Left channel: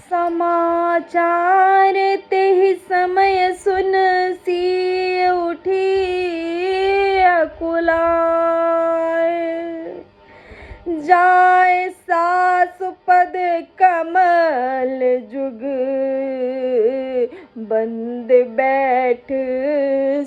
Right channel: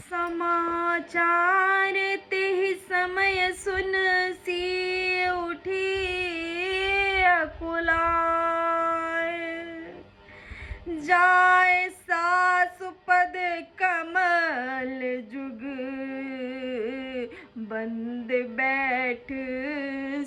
समाचार ते समय सुन सी उठी अकुलाए, जाए सास पद कमल जुग, बंद बैठ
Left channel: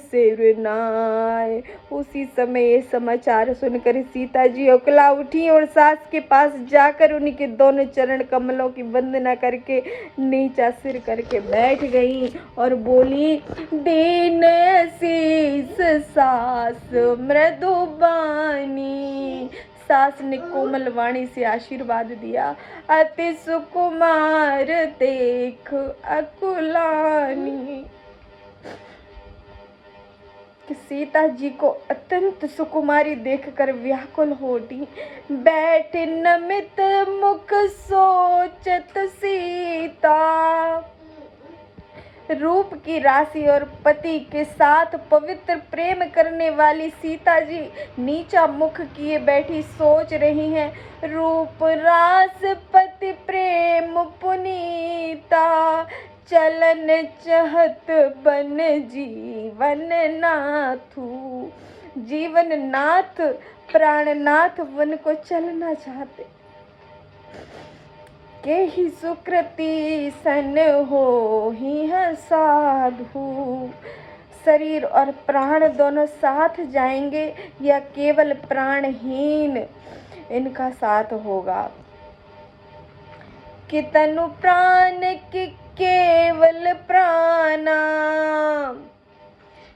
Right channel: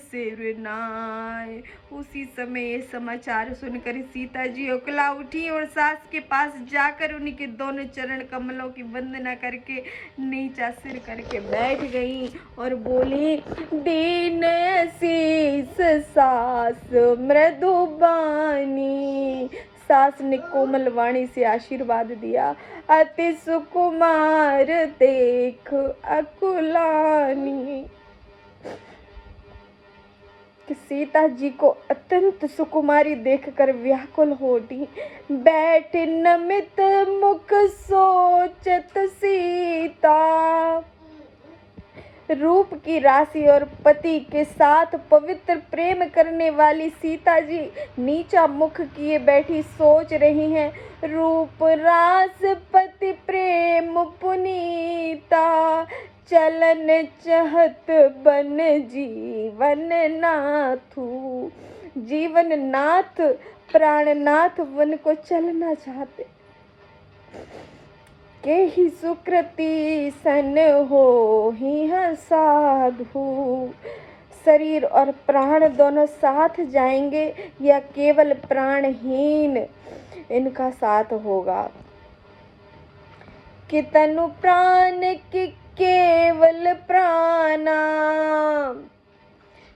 सिरनाए। उसी समय ये समाचार सुनकर सीता जी उकला उठी और सास के पास जाकर उनके दोनों चरण कमलों की वंदना करके नीचा सिर करके बैठ गई और बोली, दीन शीस सास मृदुबानी। सास ने कोमल वाणी से आशीर्वाद दिया, अति सुकुमार देख अकुलानी। कि सीता जी को अत्यंत सुकुमारी देखकर व्याकुल हो उठी। बैठ नमित मुख सोचत सीता, रूप की राशि और पति के साथ पवित्र प्रेम करने वाली सीता जी नीचा मुख किए बैठी सोच रही हैं। रूप रास पति प्रेम पुनीता, चलन चहत बन जीवन नाथू। जीवन नाथ प्राणनाथ वन को चलना चाहते, के ही सुकृति सन हो ही है साधु। शरीर और प्राण दोनों साथ जाएंगे या केवल प्राणहीन इनका साथ होगा। कि तनु प्राण की केवल प्राणा,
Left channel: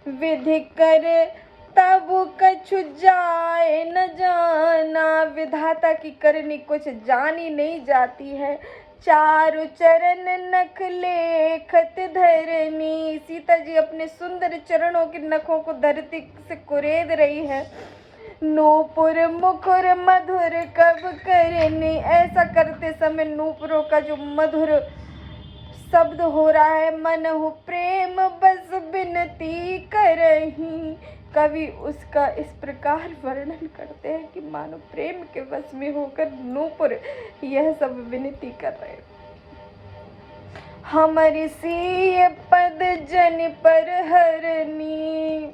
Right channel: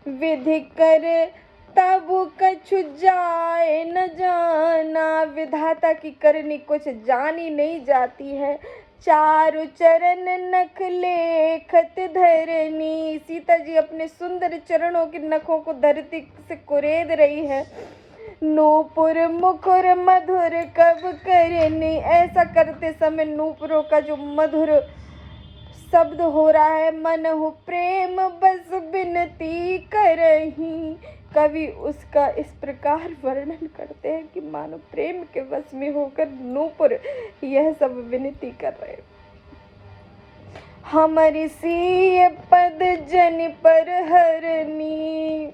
विधि कर तब कछु जाए न जाना। विधाता की करनी कुछ जानी नहीं जाती है। चारु चरण नख लेखत धरनी। सीता जी अपने सुंदर चरणों के नखों को धरती से कुरेद रही है। नूपुर मुखुर मधुर कब करनी। ऐसा करते समय नूपुरों का जो मधुर शब्द हो रहा है, मन हो प्रेम बस विनती करही। कवि उसका इस प्रकार वर्णन करते हैं कि मानो प्रेम के वश में होकर नूपुर यह सब विनती कर रहे। हमारी सी पद जन पर हरनी।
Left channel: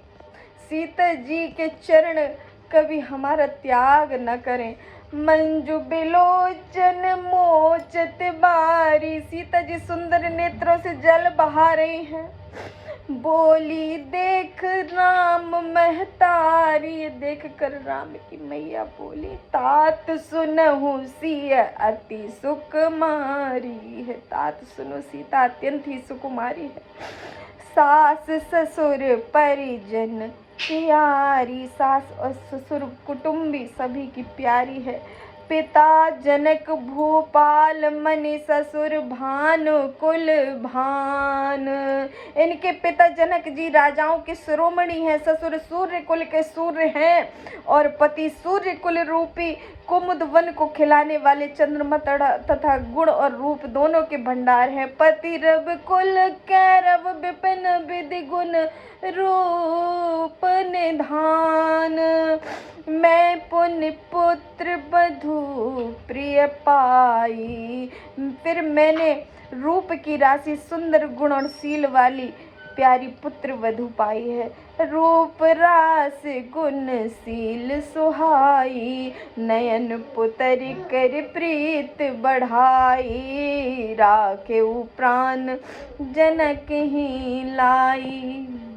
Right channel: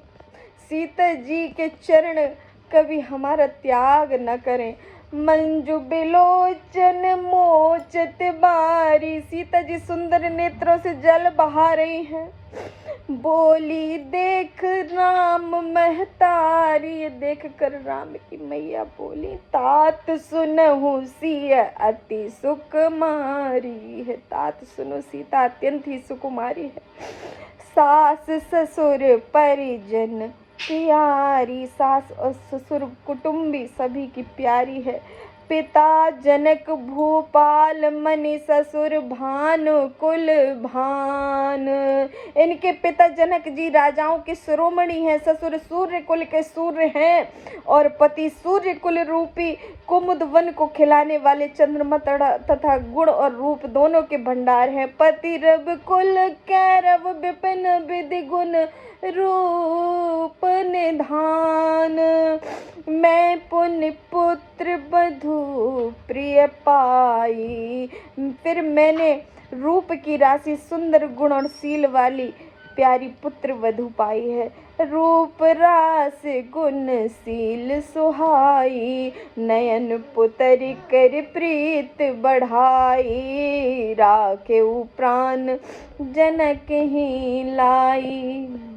सीता जी के चरण कभी हमारा त्याग न करें। मंजू बिलोचन मोचत बारी। सीता जी सुंदर नेत्रों से जल बहा रही हैं। बोली देख राम महतारी। देख कर राम की मैया बोली, तात सुनहु सिय अति सुकुमारी है। तात सुनो, सीता अत्यंत ही सुकुमारी है। सास ससुर परिजन प्यारी। सास और ससुर कुटुंबी सभी की प्यारी है। पिता जनक भूपाल मनि ससुर भानु कुल भान। इनके पिता जनक जी राजाओं के शिरोमणि हैं। ससुर सूर्य कुल के सूर्य हैं और पति सूर्य कुल रूपी कुमुद वन को खिलाने वाले चंद्रमा तथा गुण और रूप दोनों के भंडार हैं। पति रव कुल कैरव विपिन विधि गुण रूप निधान। मैं पुण्य पुत्र बधू प्रिय पाई। फिर मैंने रूप की राशि सुंदर गुण और शील वाली प्यारी पुत्र वधू पाई है। रूप रास गुण शील सुहाई, नयन पुतर कर प्रीत बढ़ाई। राखे प्राण जनक ही लाई।